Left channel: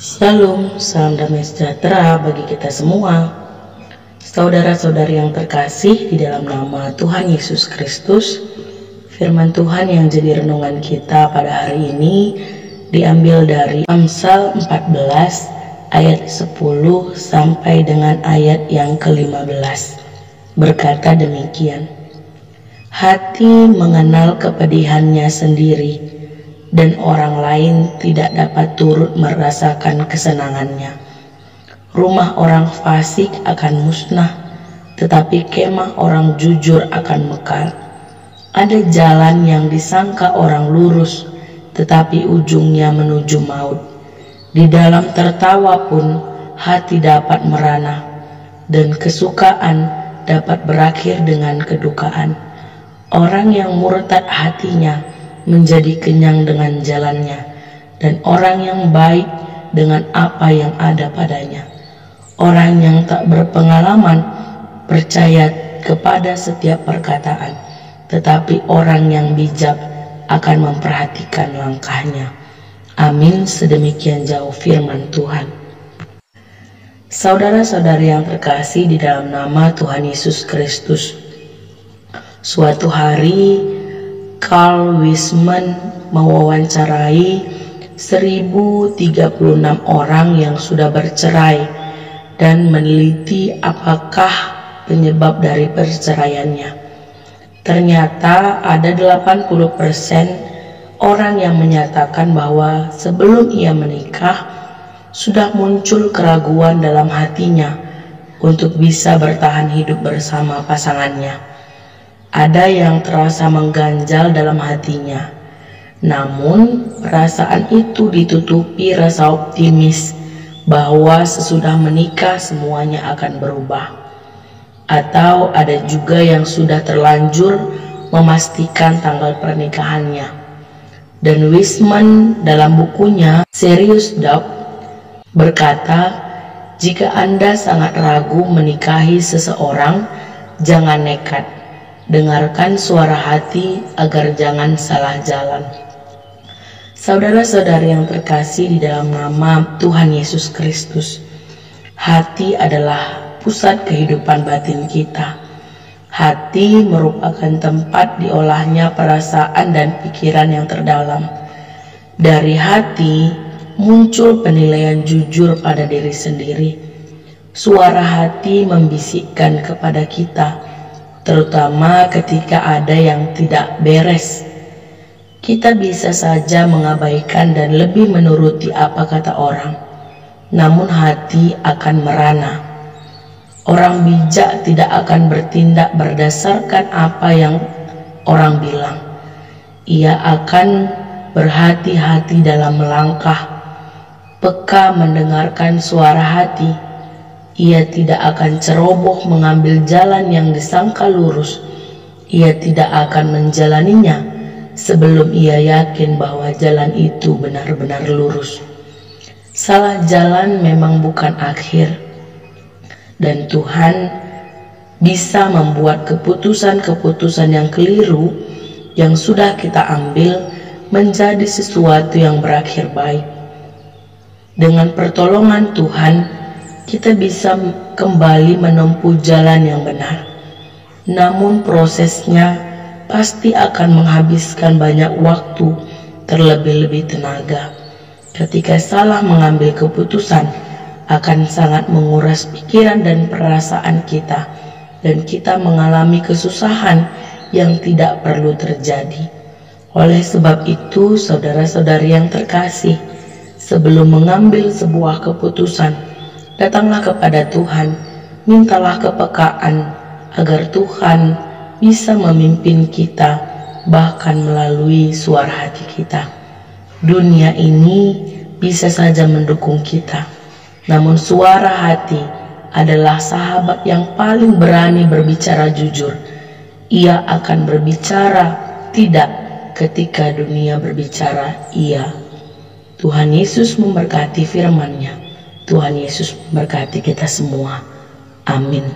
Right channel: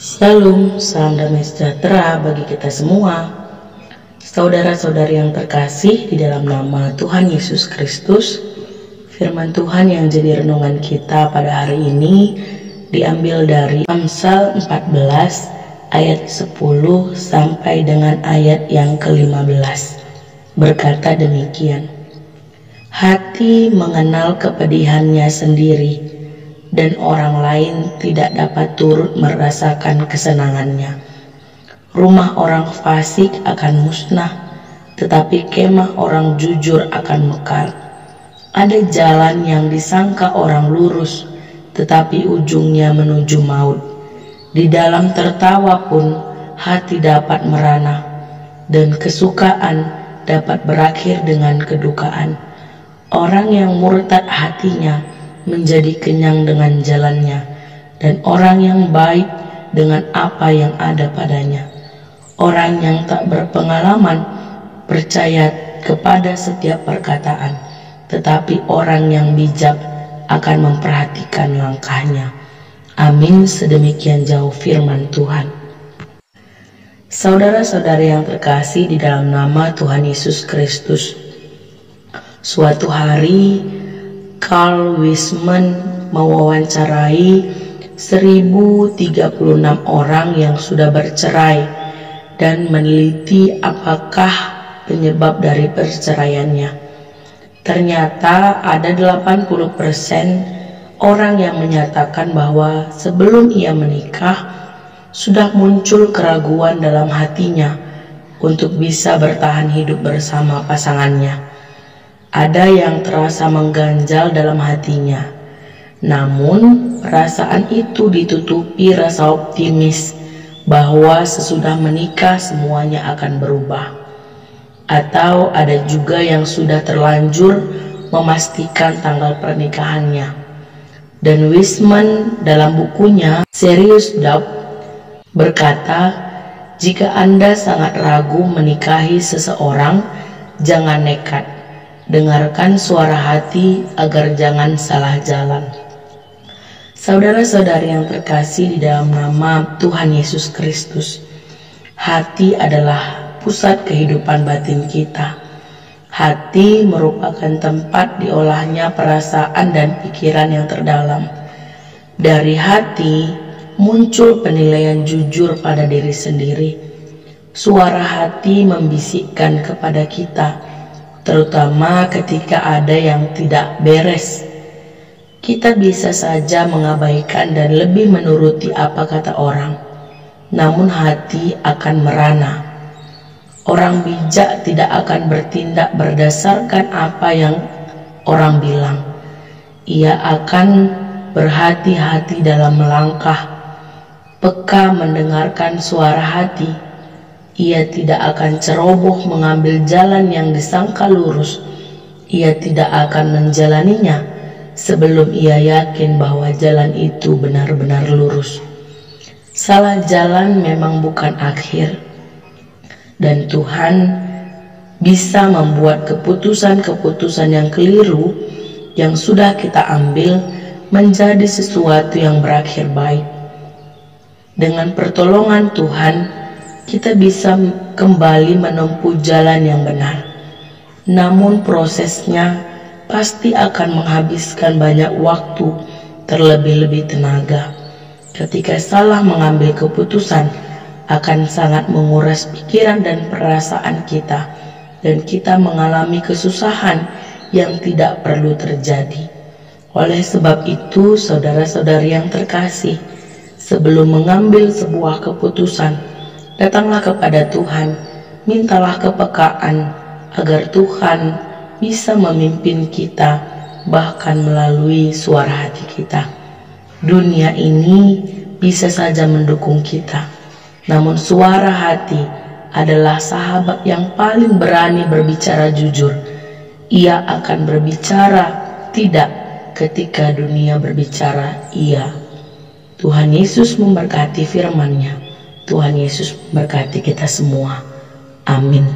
Shalom, salam damai sejahtera bagi kita semua. Saudara-saudari yang terkasih di dalam nama Tuhan Yesus Kristus, firman Tuhan yang jadi renungan kita pada hari ini diambil dari Amsal 14 ayat 10 sampai dengan ayat yang ke-15. Berkata demikian: hati mengenal kepedihannya sendiri, dan orang lain tidak dapat turut merasakan kesenangannya. Rumah orang fasik akan musnah, tetapi kemah orang jujur akan mekar. Ada jalan yang disangka orang lurus, tetapi ujungnya menuju maut. Di dalam tertawa pun hati dapat merana, dan kesukaan dapat berakhir dengan kedukaan. Orang yang murtad hatinya menjadi kenyang dengan jalannya, dan orang yang baik dengan apa yang ada padanya. Orang yang tak berpengalaman percaya kepada setiap perkataan, tetapi orang yang bijak akan memperhatikan langkahnya. Amin. Sedemikian jauh firman Tuhan. Saudara-saudari yang terkasih di dalam nama Tuhan Yesus Kristus, suatu hari Carl Wiseman mewawancarai 1036 orang yang sudah bercerai dan meneliti apakah penyebab dari perceraiannya. Ternyata ada 80% orang yang menyatakan bahwa sebelum ia menikah sudah muncul keraguan dalam hatinya untuk bisa bertahan hidup bersama pasangannya. Ada yang terasa mengganjal dalam hatinya, namun perasaan itu ditutupi rasa optimis bahwa sesudah menikah semuanya akan berubah. Atau ada juga yang sudah terlanjur memastikan tanggal pernikahannya. Dan Wiseman dalam bukunya Serious Doubt berkata, jika Anda sangat ragu menikahi seseorang, jangan nekat. Dengarkan suara hati agar jangan salah jalan. Saudara-saudari yang terkasih di dalam nama Tuhan Yesus Kristus, hati adalah pusat kehidupan batin kita. Hati merupakan tempat diolahnya perasaan dan pikiran yang terdalam. Dari hati muncul penilaian jujur pada diri sendiri. Suara hati membisikkan kepada kita, terutama ketika ada yang tidak beres. Kita bisa saja mengabaikan dan lebih menuruti apa kata orang, namun hati akan merana. Orang bijak tidak akan bertindak berdasarkan apa yang orang bilang. Ia akan berhati-hati dalam melangkah, peka mendengarkan suara hati. Ia tidak akan ceroboh mengambil jalan yang disangka lurus. Ia tidak akan menjalaninya sebelum ia yakin bahwa jalan itu benar-benar lurus. Salah jalan memang bukan akhir, dan Tuhan bisa membuat keputusan-keputusan yang keliru yang sudah kita ambil menjadi sesuatu yang berakhir baik. Dengan pertolongan Tuhan, kita bisa kembali menempuh jalan yang benar. Namun prosesnya pasti akan menghabiskan banyak waktu, terlebih-lebih tenaga. Ketika salah mengambil keputusan, akan sangat menguras pikiran dan perasaan kita, dan kita mengalami kesusahan yang tidak perlu terjadi. Oleh sebab itu, saudara-saudari yang terkasih, sebelum mengambil sebuah keputusan, datanglah kepada Tuhan, mintalah kepekaan agar Tuhan bisa memimpin kita, bahkan melalui suara hati kita. Dunia ini bisa saja mendukung kita, namun suara hati adalah sahabat yang paling berani berbicara jujur. Ia akan berbicara tidak ketika dunia berbicara iya. Tuhan Yesus memberkati firman-Nya. Tuhan Yesus memberkati kita semua. Amin.